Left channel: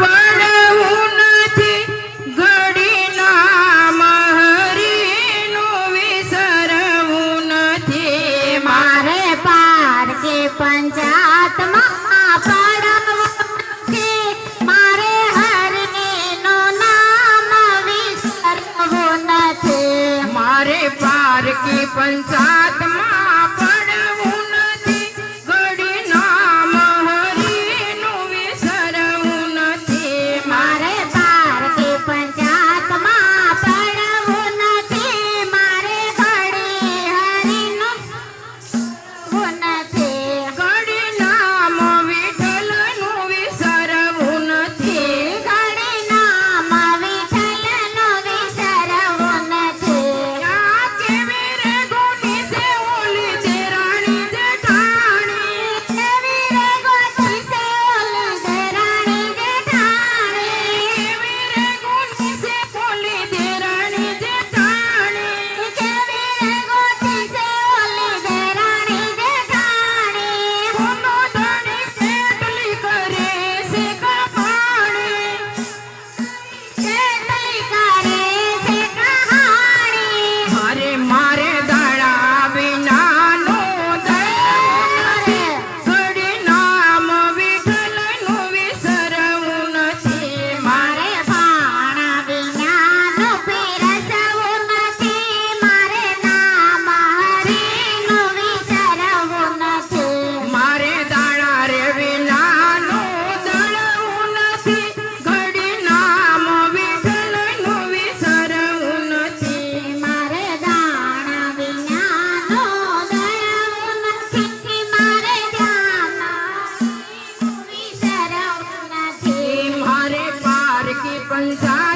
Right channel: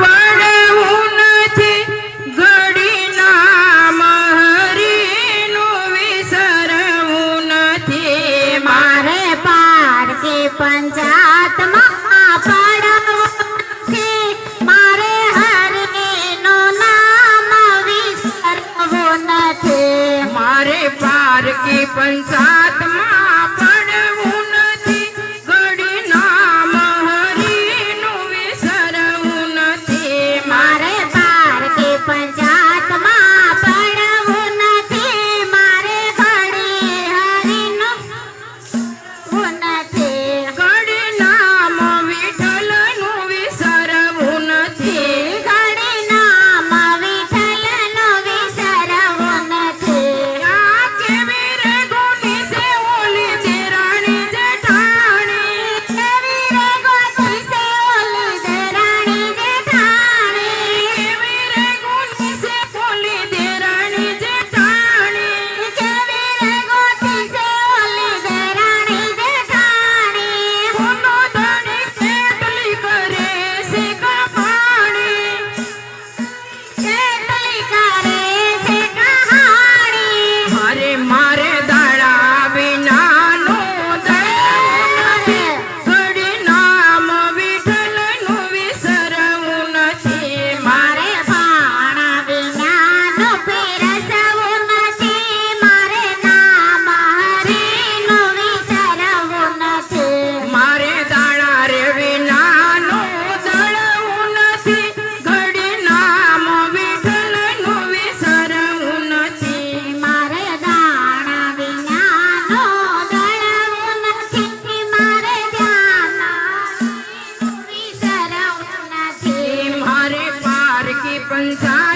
પડવું નથી ઘડી નામ હરીનું વિસરવું નથી મારે પારકી પંચાયતમાં પડવું નથી મારે હરણીનું નામ વિસરવું નથી મારે પારકી પંચાયતમાં પડવું નથી ઘડી નામ હરીનું વિસરવું નથી મારે પારકી પંચાયતમાં પડવું નથી મારે ઘડી હરીનું નથી ઘડી નામ વિઠ્ઠલનું વિસરવું નથી ઘડી નામ વિઠ્ઠલનું વિસરવું નથી આ કેવી રે ગોની છે ઓલી દેરાણી જેઠાણી કેવી રે ગોતી છે ઓલી દેરાણી જેઠાણી કેવી રે ગોની છે ઓલી દેરાણી જેઠાણી કેવી રે ગોતી છે ઓલી દેરાણી જેઠાણી કોનો ધણી કેટલી કરે છે કહાણી કેટલી કરે છે કહાણી મારે મારે દાડા વિનાનો દળવું નથી ઘડી નામ વિઠ્ઠલનું વિસરવું નથી મારે પાણા વિનાનું પીરસવું નથી મારે નામ હરીનું વિસરવું નથી મારે દાણા રે વિનાનો દળવું નથી ઘડી નામ વિઠ્ઠલનું વિસરવું નથી મારે દાણા વિનાનો દળવું નથી મારે ધ્યાન વિસરવું નથી મારે પારકી પંચાયત